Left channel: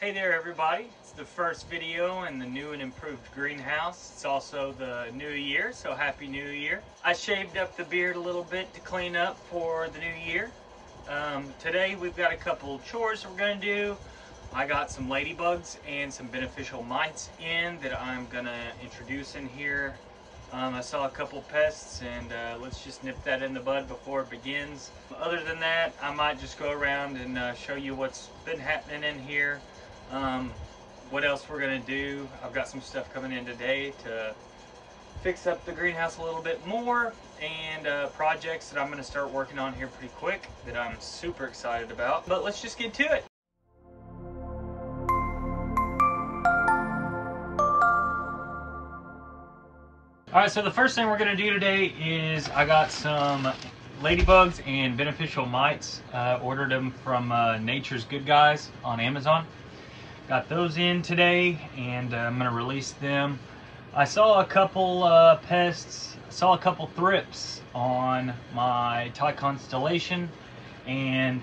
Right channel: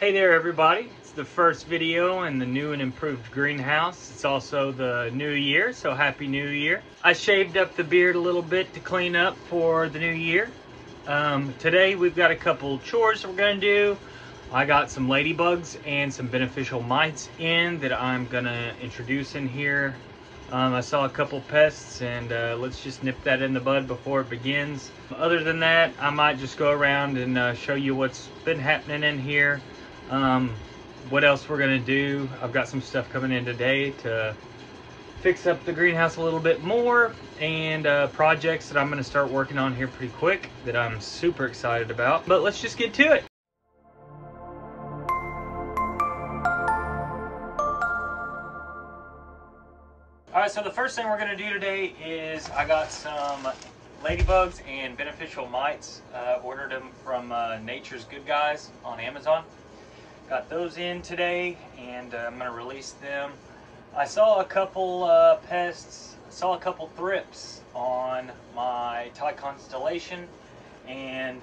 Hey there everybody, it's the first video in the new and improved greenhouse. It's also the new year, so happy new year. I shaved up the beard a little bit to clean up for the new year. Today we've got a couple chores we're going to do. I got some ladybugs and some beneficial mites in that I'm going to introduce in here. I saw a couple pests and let's just nip that in the bud before it begins. Other than that, I might just go around and show you what's been happening in here. What else we're gonna do. I've got some stuff coming in today to fix up the greenhouse a little bit more, and projects that I'm gonna start working on here pretty quick that I'm super excited about. But let's just get to it. All right, so the first thing we're gonna do today is I got some ladybugs and beneficial mites. Ordered them from Nature's Good Guys on Amazon. Got those in today, and I'm gonna release them. I saw a couple pests. I saw a couple thrips on my Thai constellation, and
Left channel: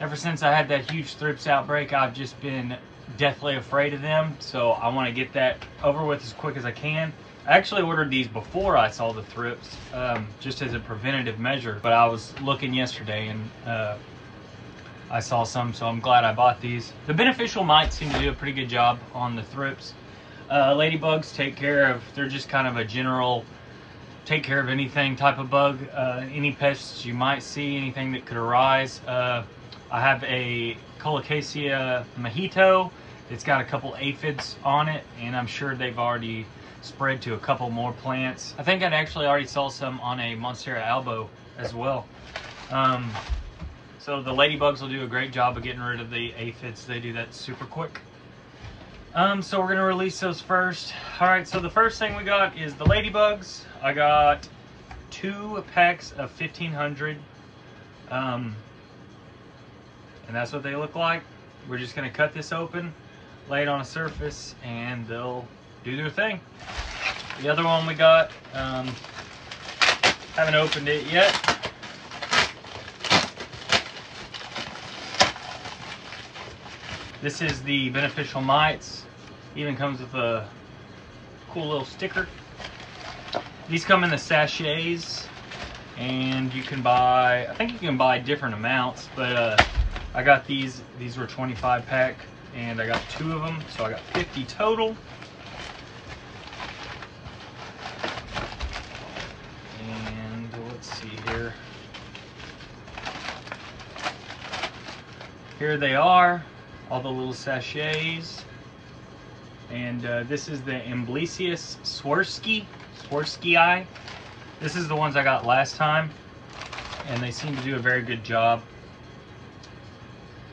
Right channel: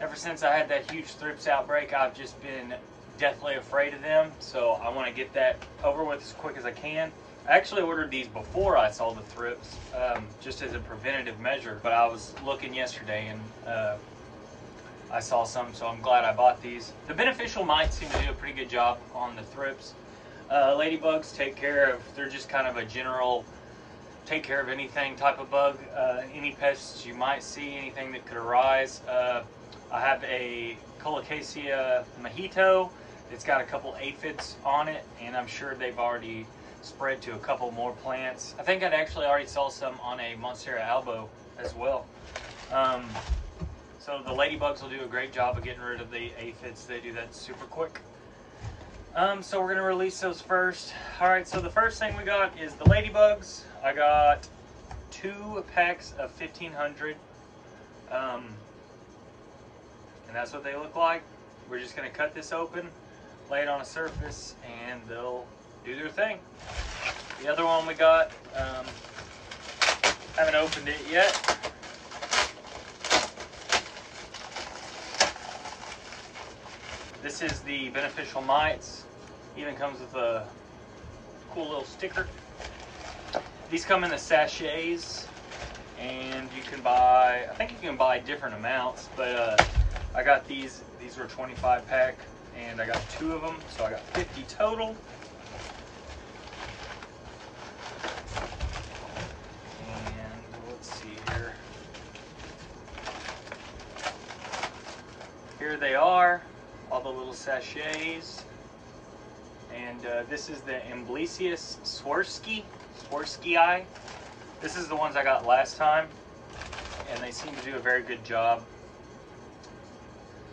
ever since I had that huge thrips outbreak, I've just been deathly afraid of them. So I want to get that over with as quick as I can. I actually ordered these before I saw the thrips, just as a preventative measure. But I was looking yesterday and I saw some, so I'm glad I bought these. The beneficial mites seem to do a pretty good job on the thrips. Ladybugs take care of, they're just kind of a general take care of anything type of bug. Any pests you might see, anything that could arise. I have a Colocasia mojito. It's got a couple aphids on it, and I'm sure they've already spread to a couple more plants. I think I actually already saw some on a Monstera albo as well. So the ladybugs will do a great job of getting rid of the aphids. They do that super quick. So we're gonna release those first. All right, so the first thing we got is the ladybugs. I got 2 packs of 1,500. And that's what they look like. We're just gonna cut this open, lay it on a surface, and they'll do their thing. The other one we got, haven't opened it yet. This is the beneficial mites. Even comes with a cool little sticker. These come in the sachets, and you can buy, I think you can buy different amounts, but I got these were 25 pack, and I got 2 of them, so I got 50 total. And let's see here. Here they are. All the little sachets, and this is the Amblesius Swarovskii. This is the ones I got last time, and they seem to do a very good job.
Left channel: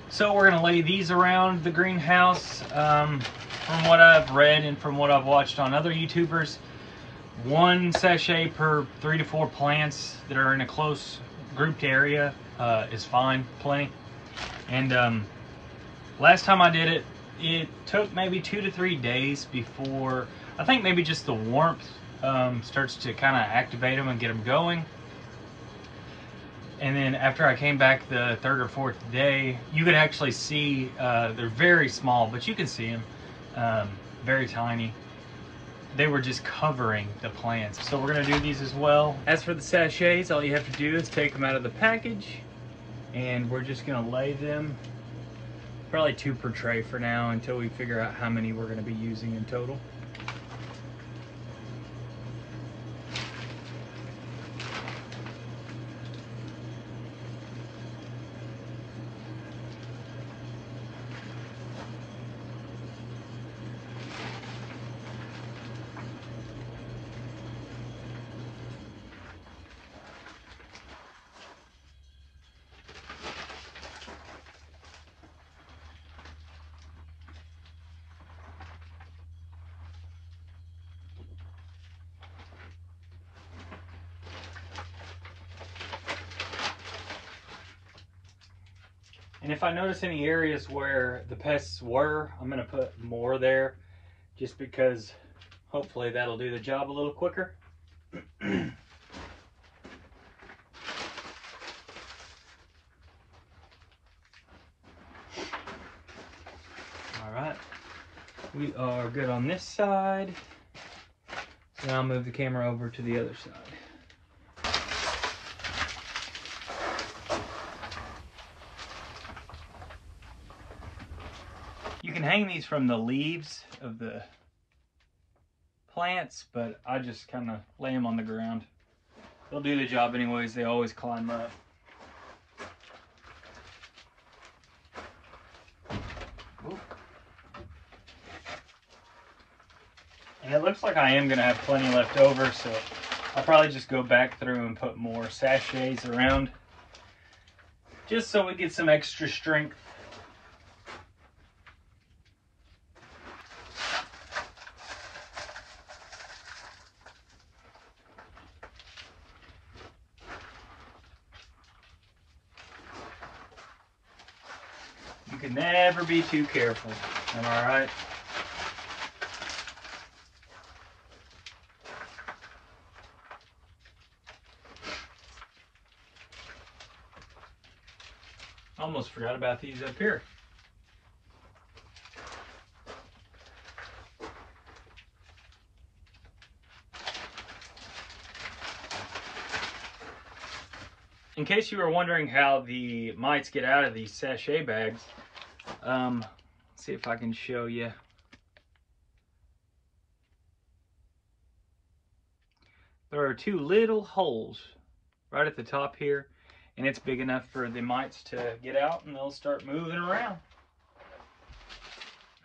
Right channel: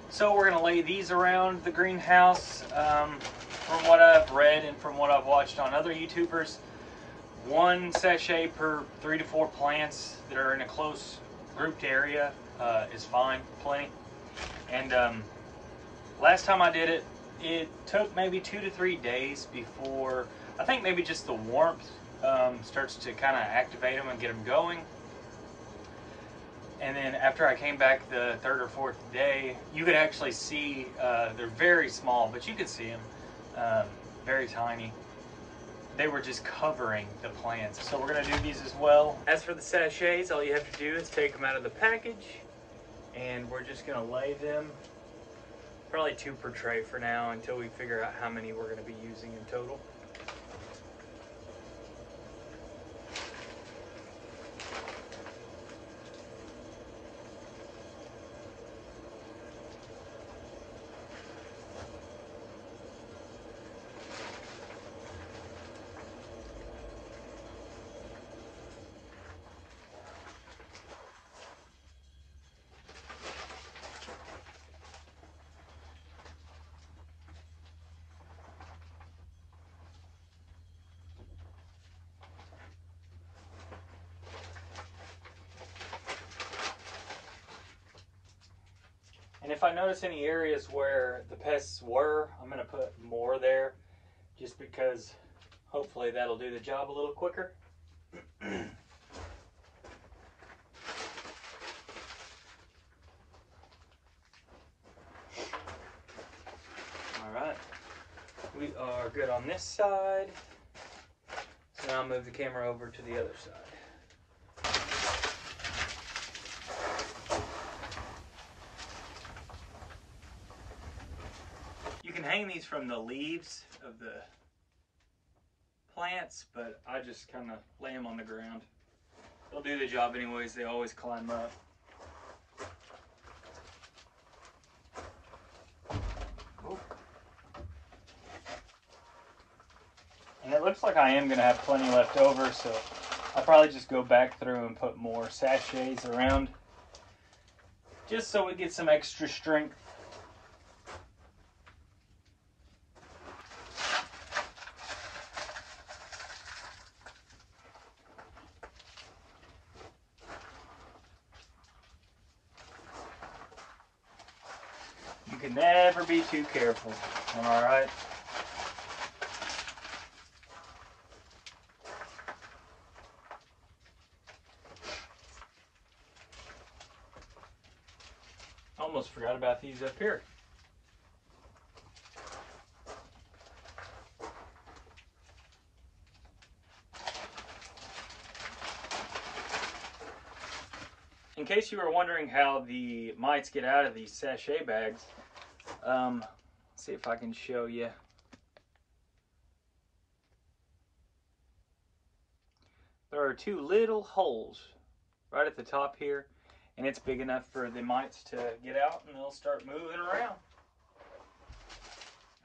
So we're gonna lay these around the greenhouse. From what I've read and from what I've watched on other YouTubers, 1 sachet per 3 to 4 plants that are in a close grouped area is fine, plenty. And last time I did it, it took maybe 2 to 3 days before, I think maybe just the warmth starts to kind of activate them and get them going. And then after I came back the 3rd or 4th day, you could actually see, they're very small, but you can see them, very tiny. They were just covering the plants. So we're gonna do these as well. As for the sachets, all you have to do is take them out of the package, and we're just gonna lay them. Probably 2 per tray for now until we figure out how many we're going to be using in total. And if I notice any areas where the pests were, I'm going to put more there, just because hopefully that'll do the job a little quicker. All right. We are good on this side. So now I'll move the camera over to the other side. You can hang these from the leaves of the plants, but I just kind of lay them on the ground. They'll do the job anyways. They always climb up. And it looks like I am going to have plenty left over, so I'll probably just go back through and put more sachets around, just so we get some extra strength. You can never be too careful, am I right? Almost forgot about these up here. In case you were wondering how the mites get out of these sachet bags, let's see if I can show you. There are two little holes right at the top here, and it's big enough for the mites to get out and they'll start moving around.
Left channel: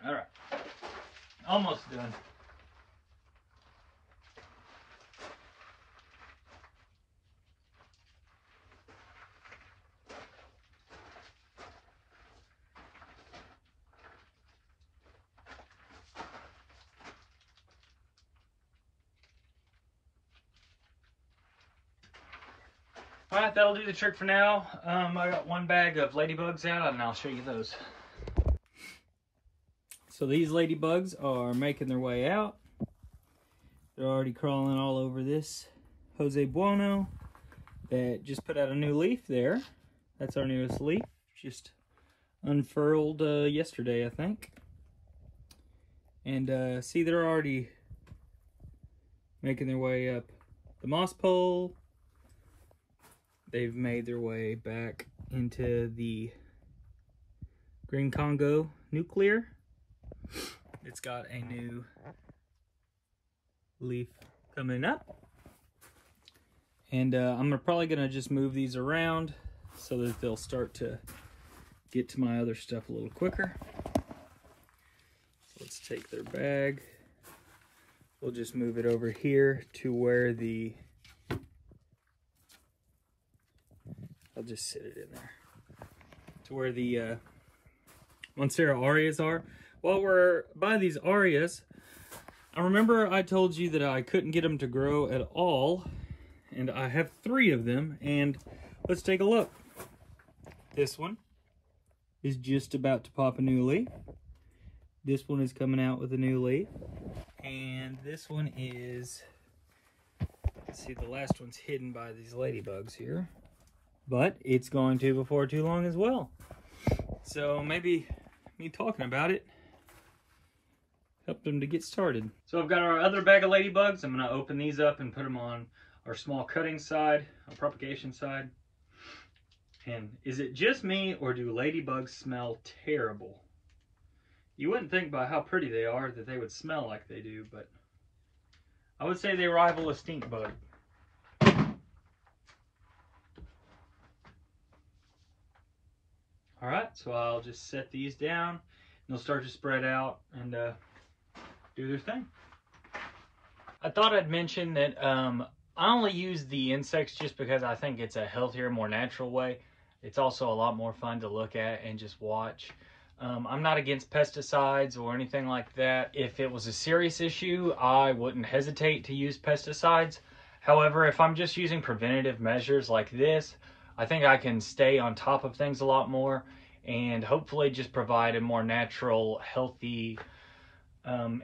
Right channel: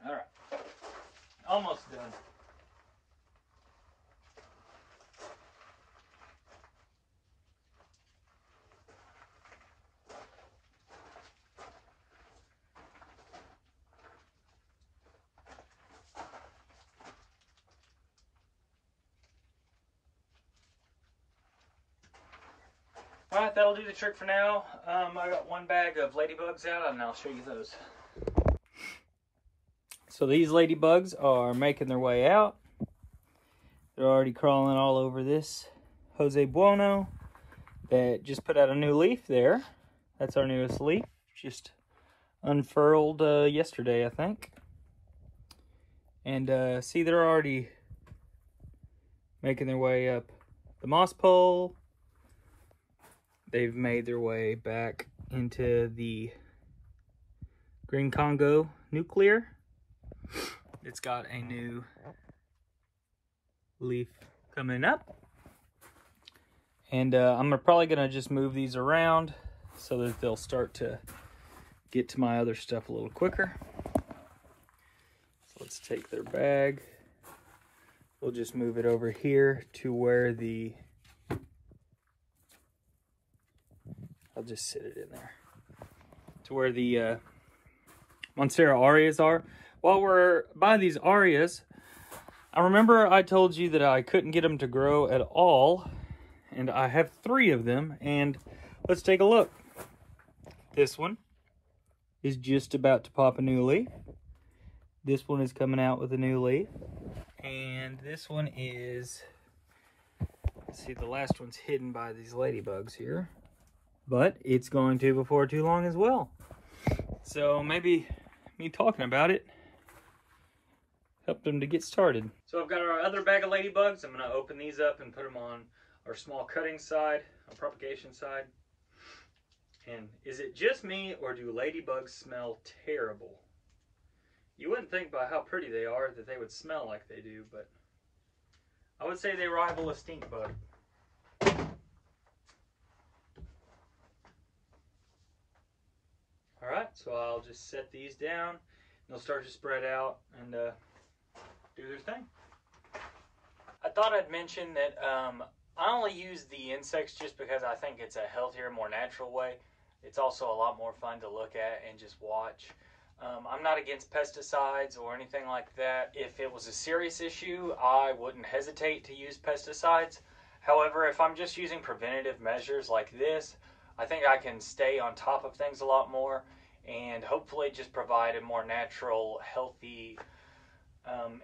All right, almost done. All right, that'll do the trick for now. I got one bag of ladybugs out and I'll show you those. So these ladybugs are making their way out. They're already crawling all over this Jose Bueno that just put out a new leaf there. That's our newest leaf, just unfurled yesterday, I think. And see, they're already making their way up the moss pole. They've made their way back into the green Congo nuclear. It's got a new leaf coming up. And I'm probably gonna just move these around so that they'll start to get to my other stuff a little quicker. Let's take their bag. We'll just move it over here to where the, I'll just sit it in there, to where the Monstera aureas are. While we're by these aureas, I remember I told you that I couldn't get them to grow at all, and I have 3 of them, and let's take a look. This one is just about to pop a new leaf. This one is coming out with a new leaf, and this one is, let's see, the last one's hidden by these ladybugs here, but it's going to before too long as well. So maybe me talking about it helped them to get started. So I've got our other bag of ladybugs. I'm going to open these up and put them on our small cutting side, our propagation side. And is it just me, or do ladybugs smell terrible? You wouldn't think by how pretty they are that they would smell like they do, but I would say they rival a stink bug. All right, so I'll just set these down, and they'll start to spread out and do their thing. I thought I'd mention that I only use the insects just because I think it's a healthier, more natural way. It's also a lot more fun to look at and just watch. I'm not against pesticides or anything like that. If it was a serious issue, I wouldn't hesitate to use pesticides. However, if I'm just using preventative measures like this, I think I can stay on top of things a lot more and hopefully just provide a more natural, healthy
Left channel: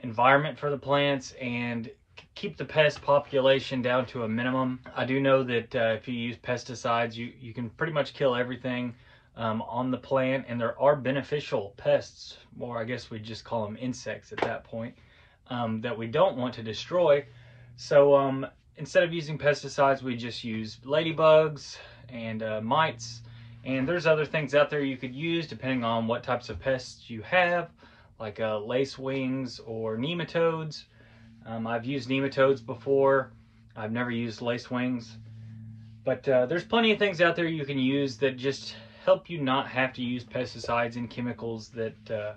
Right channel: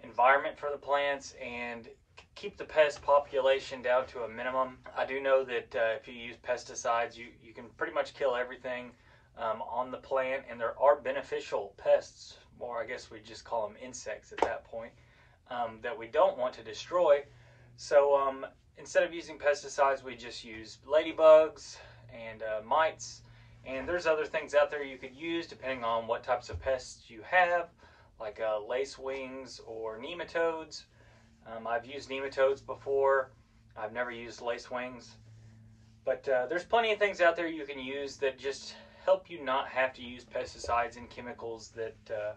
environment for the plants and keep the pest population down to a minimum. I do know that if you use pesticides, you can pretty much kill everything on the plant, and there are beneficial pests, or I guess we just call them insects at that point, that we don't want to destroy. So instead of using pesticides, we just use ladybugs and mites. And there's other things out there you could use depending on what types of pests you have, like lacewings or nematodes. I've used nematodes before. I've never used lacewings. But there's plenty of things out there you can use that just help you not have to use pesticides and chemicals that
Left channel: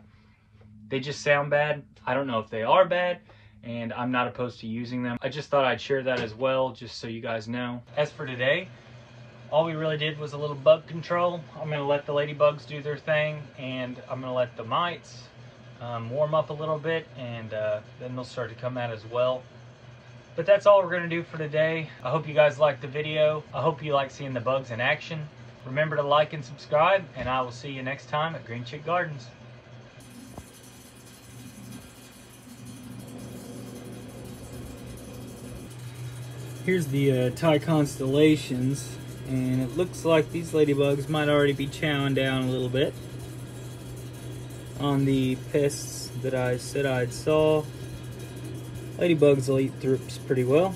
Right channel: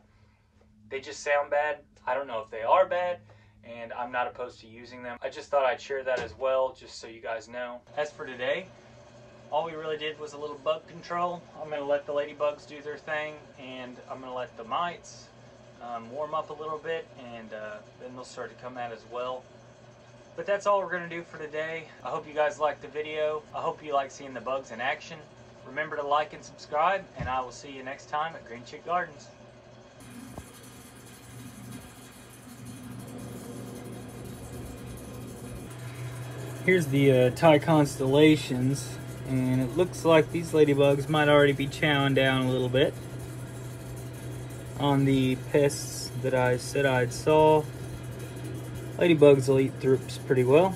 they just sound bad. I don't know if they are bad, and I'm not opposed to using them. I just thought I'd share that as well, just so you guys know. As for today, all we really did was a little bug control. I'm going to let the ladybugs do their thing, and I'm going to let the mites warm up a little bit, and then they'll start to come out as well. But that's all we're going to do for today. I hope you guys liked the video. I hope you like seeing the bugs in action. Remember to like and subscribe, and I will see you next time at Green Chick Gardens. Here's the Thai constellations, and it looks like these ladybugs might already be chowing down a little bit on the pests that I said I'd saw. Ladybugs will eat thrips pretty well.